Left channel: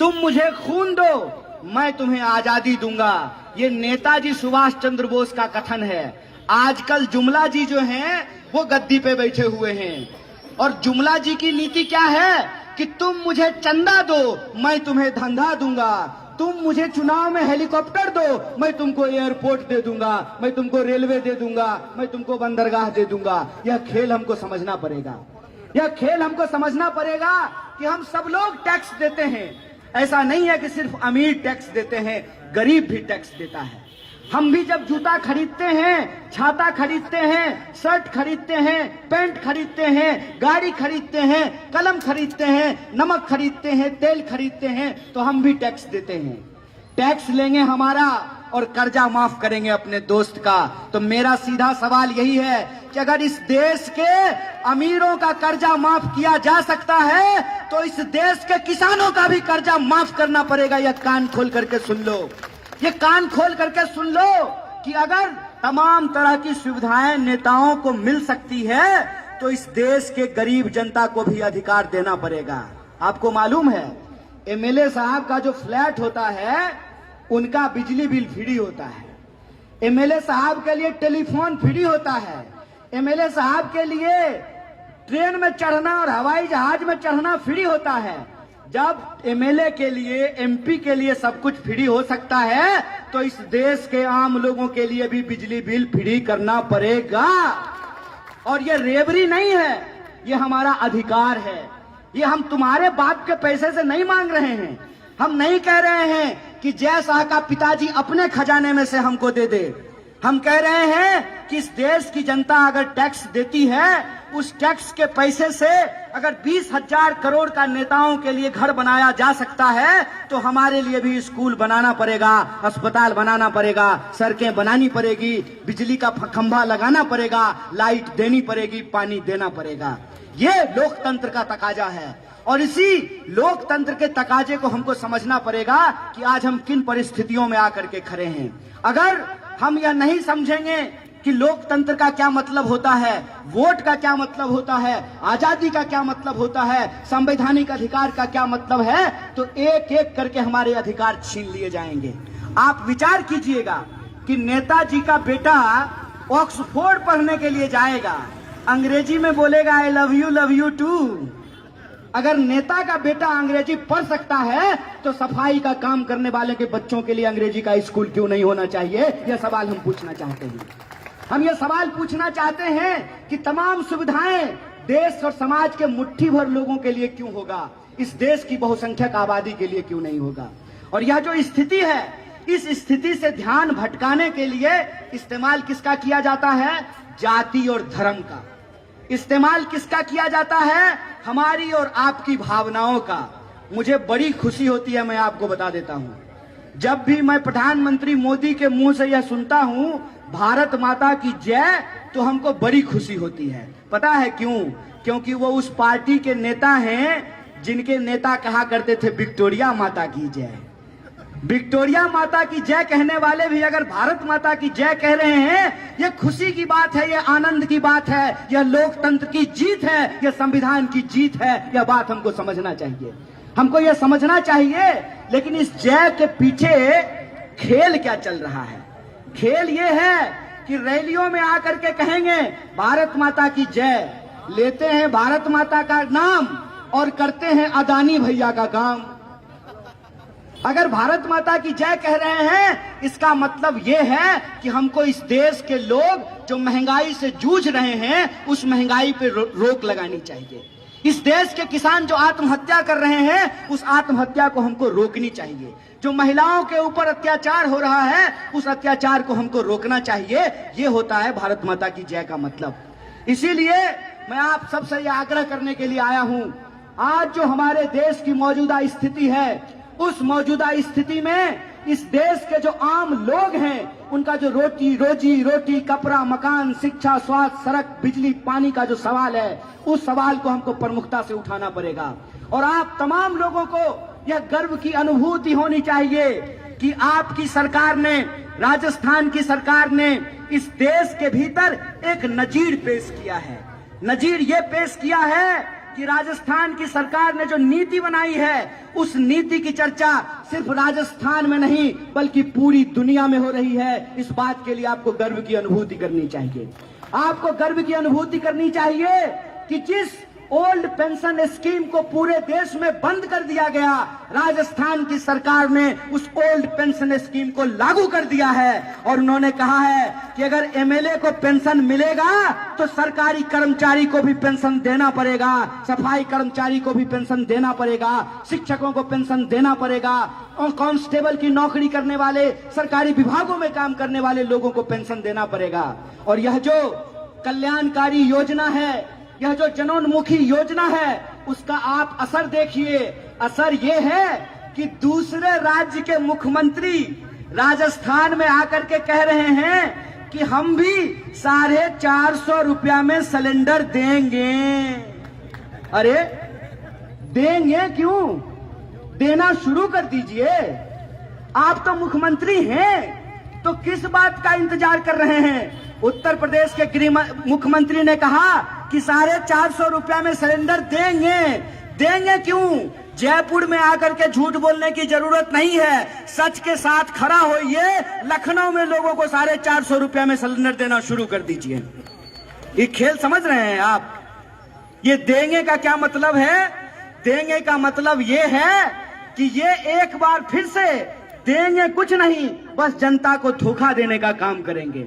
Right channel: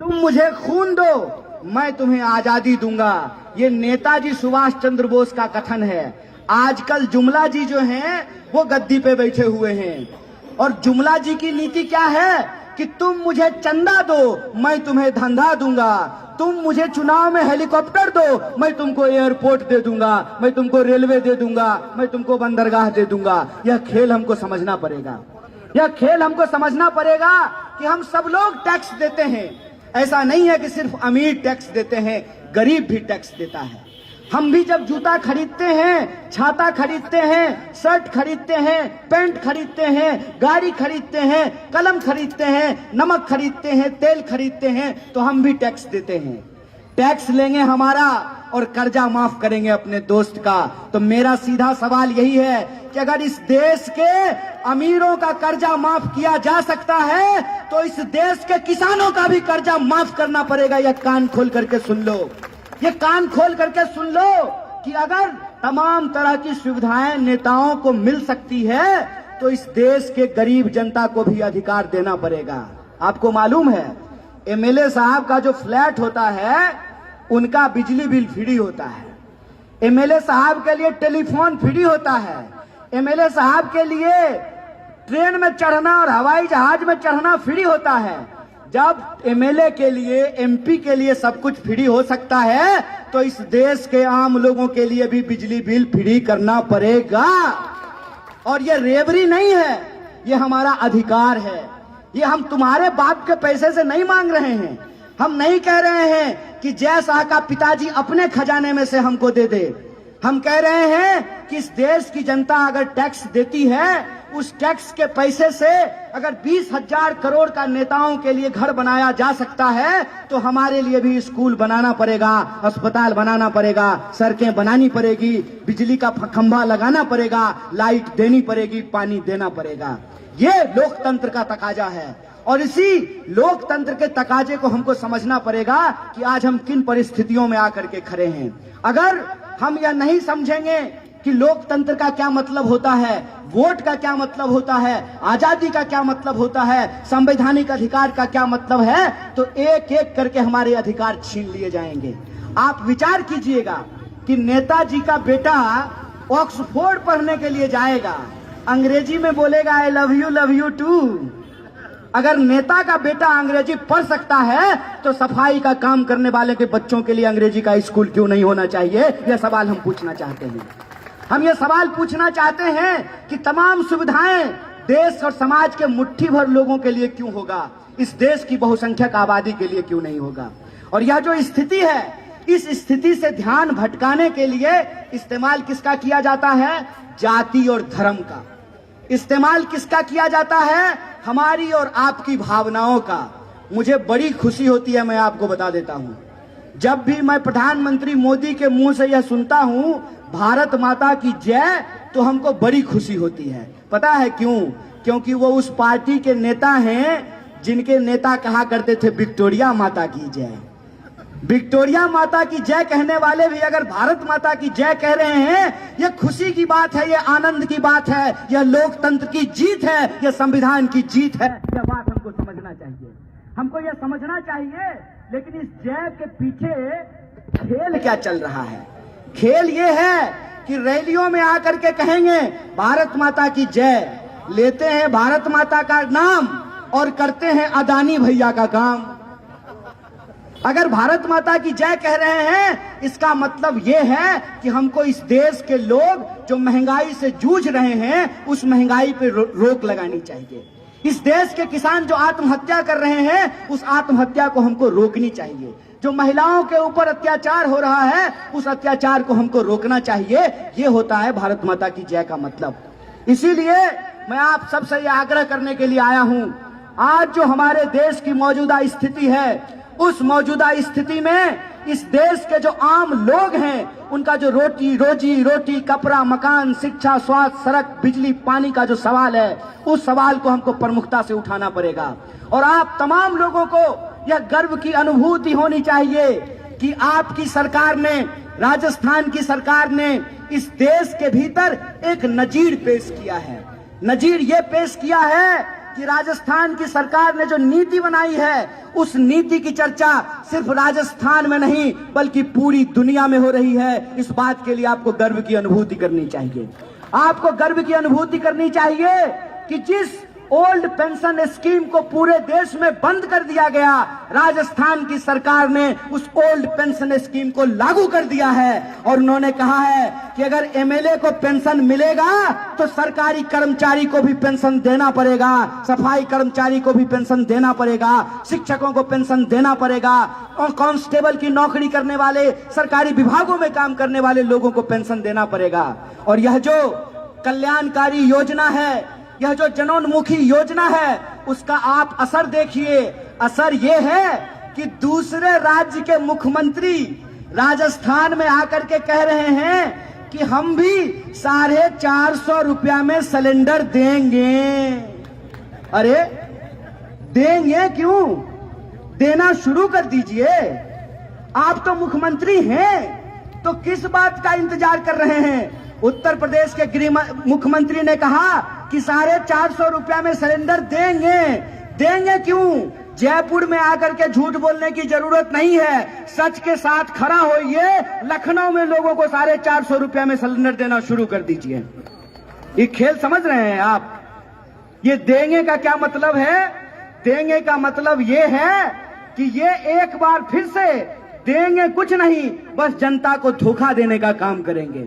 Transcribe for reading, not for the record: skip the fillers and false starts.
तुम मुझे खून दो, मैं तुम्हें आजादी दूंगा। ये नेताजी सुभाष चंद्र बोस का कथन है। आजकल जुमला जी जो हैं वो गद्दी पे बैठे हुए हैं, और जुमला जी की नीति क्या है कि तुम मुझे चंदा दो, मैं तुम्हें धंधा दूंगा। तुम मुझे चुनाव में हेलीकॉप्टर दो, मैं तुमको एयरपोर्ट दे दूंगा, मैं तुमको रेलवे दे दूंगा, मैं तुमको बंदरगाह दे दूंगा। यह खेल हमको समझना पड़ेगा। यह खेल हमको समझना पड़ेगा कि हम सब लोग टैक्स देते हैं। ऐसा नहीं है कि सिर्फ अमीर टैक्स देते हैं, गरीब भी टैक्स देता है। हम भी जब जूता खरीदते हैं, छाता खरीदते हैं, शर्ट खरीदते हैं, पैंट खरीदते हैं, गाड़ी खरीदते हैं, कलम खरीदते हैं, नमक खरीदते हैं, तेल खरीदते हैं, तो हम भी टैक्स देते हैं। टैक्स लेंगे हमारा और कर्जा माफ करेंगे अपने दोस्त का। तो मेरा सीधा सवाल यही है कि अगर इस देश के अमीरों का कर्जा माफ किया जा सकता है तो इस देश के किसानों का भी कर्जा माफ करना पड़ेगा। यह कान खोल करके सुन लो, ये कान खोल करके सुन लो कि अगर तमाम तरह की सुविधाएं नेताओं को मिल सकती है तो इस देश के गरीब जनता को भी अधिकार देना पड़ेगा। आपको मालूम है एमएलए साहब का जो फ्लैट होता है उनका बिजली बिल फ्री होता है, एमएलए साहब के लिए टेलीफोन फ्री होता है, एमएलए साहब के लिए ट्रेन में चढ़ना और हवाई जहाज में चढ़ना फ्री होता है। जब एमएलए के लिए, एमपी के लिए सब कुछ फ्री हो सकता है तो इस देश के आम लोगों के लिए भी बिजली बिल फ्री करना पड़ेगा। और ये रेवरी नहीं है, ये हमारा अधिकार है। ये हम तुम्हारे बाप के पैसे से नहीं मांग रहे हैं। हम नहीं कह रहे हैं कि जय शाह का पिताजी अपने खजाने में से हमको दे दे। हम कह रहे हैं कि इस देश की जनता अगर टैक्स देती है, उस टैक्स के पैसे से अगर 20,000 करोड़ का नेताओं के लिए घर बनाया जा सकता है तो हमारे लिए भी स्कूल बनाना पड़ेगा, अस्पताल बनाना पड़ेगा, सड़कें बनानी पड़ेगी, बिजली का खंभा लगाना पड़ेगा, लाइट देनी पड़ेगी, पानी देना पड़ेगा। ये लोकतंत्र का तकाजा है और इसी लोकतंत्र के तकाजे को हमको समझना पड़ेगा कि आज हम किन परिस्थितियों में आकर के खड़े हैं। अगर हम यह नहीं समझेंगे कि लोकतंत्र का क्या मतलब होता है, वोट का क्या मतलब होता है, आजादी का क्या मतलब होता है, संवैधानिक अधिकार का क्या मतलब है, तो एक एक करके हमारे अधिकार छीन लिए जाएंगे। आप विचार कीजिएगा कि नेताजी का बेटा ऑक्सफोर्ड पढ़ने के लिए जाएगा, अंग्रेजी में बोलेगा आई लव यू टू। अगर नेता का बेटा अंग्रेजी पढ़ सकता है तो सफाई का काम करने वाले के बच्चों के लिए अंग्रेजी का स्कूल क्यों नहीं होना चाहिए? यह सवाल हम पूछना चाहते हैं। हम ये सवाल पूछना चाहते हैं कि तमाम सुविधाएं देश और समाज के मुट्ठी भर लोगों के लिए क्यों होगा, इस देश की बहुसंख्यक आबादी के लिए क्यों नहीं होगा? और यह जो स्थिति है, इस स्थिति से ध्यान भटकाने के लिए इस्तेमाल किसका किया जाता है? जाति और धर्म का। इस्तेमाल किसका किया जाता है? हमारी और आपकी भावनाओं का। मुझे बड़ी खुशी होती है, मैं आपको बता देता हूं, जब भी मैं प्रधानमंत्री मोदी के मुंह से यह सुनता हूं भारत माता की जय, तो हमको बड़ी खुशी होती है। पता है क्यों? क्योंकि वो उस पार्टी के नेता हैं जिनके नेता कहा करते थे विक्टोरिया माता की जय। विक्टोरिया माता की जय कहने वाले भी अगर भारत माता की जय कह रहे हैं, यह खुशी की बात है, यह आनंद की बात है, यह लोकतंत्र की जीत है, यह संविधान की जीत है। यह बात हमको समझना चाहिए, हमको यह समझना चाहिए। लेकिन इस जय के पीछे खेल क्या चल रहा है? खेल ये है कि रैलियों में आकर के कहेंगे भारत माता की जय, लेते हैं भारत माता का नाम और करते हैं अदानी भैया का काम। अगर भारत माता की जय कह रहे हैं, इसका मतलब यह है कि हमको इस देश के लोग जो महंगाई से जूझ रहे हैं उस महंगाई पे रोक लगानी चाहिए। इस देश के किसान जो आत्महत्या कर रहे हैं उस आत्महत्या को हमको रोकनी चाहिए। जो महिलाओं के ऊपर अत्याचार हो रहा है उस अत्याचार को हमको रोकना चाहिए। ये होता है भारत माता की जय का मतलब। इसीलिए मैं आप सबसे यह आग्रह करने के लिए आया हूं, आज जो हमारे देश की मौजूदा स्थिति है, उस मौजूदा स्थिति में इस देश के जो आम लोग हैं उनका जो रोजी रोटी, कपड़ा, मकान, शिक्षा, स्वास्थ्य, सड़क, बिजली, पानी का जो सवाल है, उस सवाल को हमको प्रमुखता से उठाना पड़ेगा। और आप तमाम लोगों को यह गर्व की अनुभूति होनी चाहिए कि आपकी सरकार ने, राजस्थान की सरकार ने इस देश के भीतर एक नजीर पेश किया है। नजीर ये पेश किया है कि राजस्थान की सरकार ने जो नीति बनाई है, उस नीति की चर्चा सिर्फ राजस्थान में नहीं बल्कि पूरी दुनिया में हो रही है। इस बात के लिए आपको गर्व की अनुभूति करनी चाहिए। आपको गर्व की अनुभूति करनी चाहिए कि जिस ओल्ड पेंशन स्कीम को पूरे देश में बंद कर दिया गया, राजस्थान की सरकार ने उस ओल्ड पेंशन स्कीम को लागू कर दिया है। और उन्होंने कहा है कि अगर एमएलए को पेंशन मिलेगा तो सरकारी कर्मचारी को भी पेंशन देना पड़ेगा, सफाई कर्मचारी को भी पेंशन देना पड़ेगा, शिक्षकों को पेंशन देना पड़ेगा, और कांस्टेबल की नौकरी करने वाले, सरकारी विभागों में काम करने वाले लोगों को पेंशन देना पड़ेगा। और यह जो कल्याणकारी योजना है, यह जो जनोन्मुखी योजना है, उसका आप असर देखिए। असर यह है कि दूसरे राज्य के मुख्यमंत्री राजस्थान में आकर के कह रहे हैं कि हम भी 450 रुपया में सिलेंडर देंगे। अरे देंगे क्यों? देना शुरू कर दीजिए। आप तो मुख्यमंत्री हैं, तो किस बात का इंतजार कर रहे हैं? उत्तर प्रदेश के गृह मुख्यमंत्री ने कहा कि 450 रुपया में सिलेंडर देंगे। देंगे क्यों? जयपुर में आकर के झूठ बोलने की जरूरत नहीं है, सच के साथ खड़ा होइए। लखनऊ में लोगों को 450 रुपया में सिलेंडर देना शुरू कर दीजिए। ये खेल समझ रहे हैं आप? ये देंगे का क्या मतलब है? देंगे का मतलब ये है कि ये एक बार फिर से देंगे कुछ नहीं, बस जनता को धोखा देने का काम करेंगे।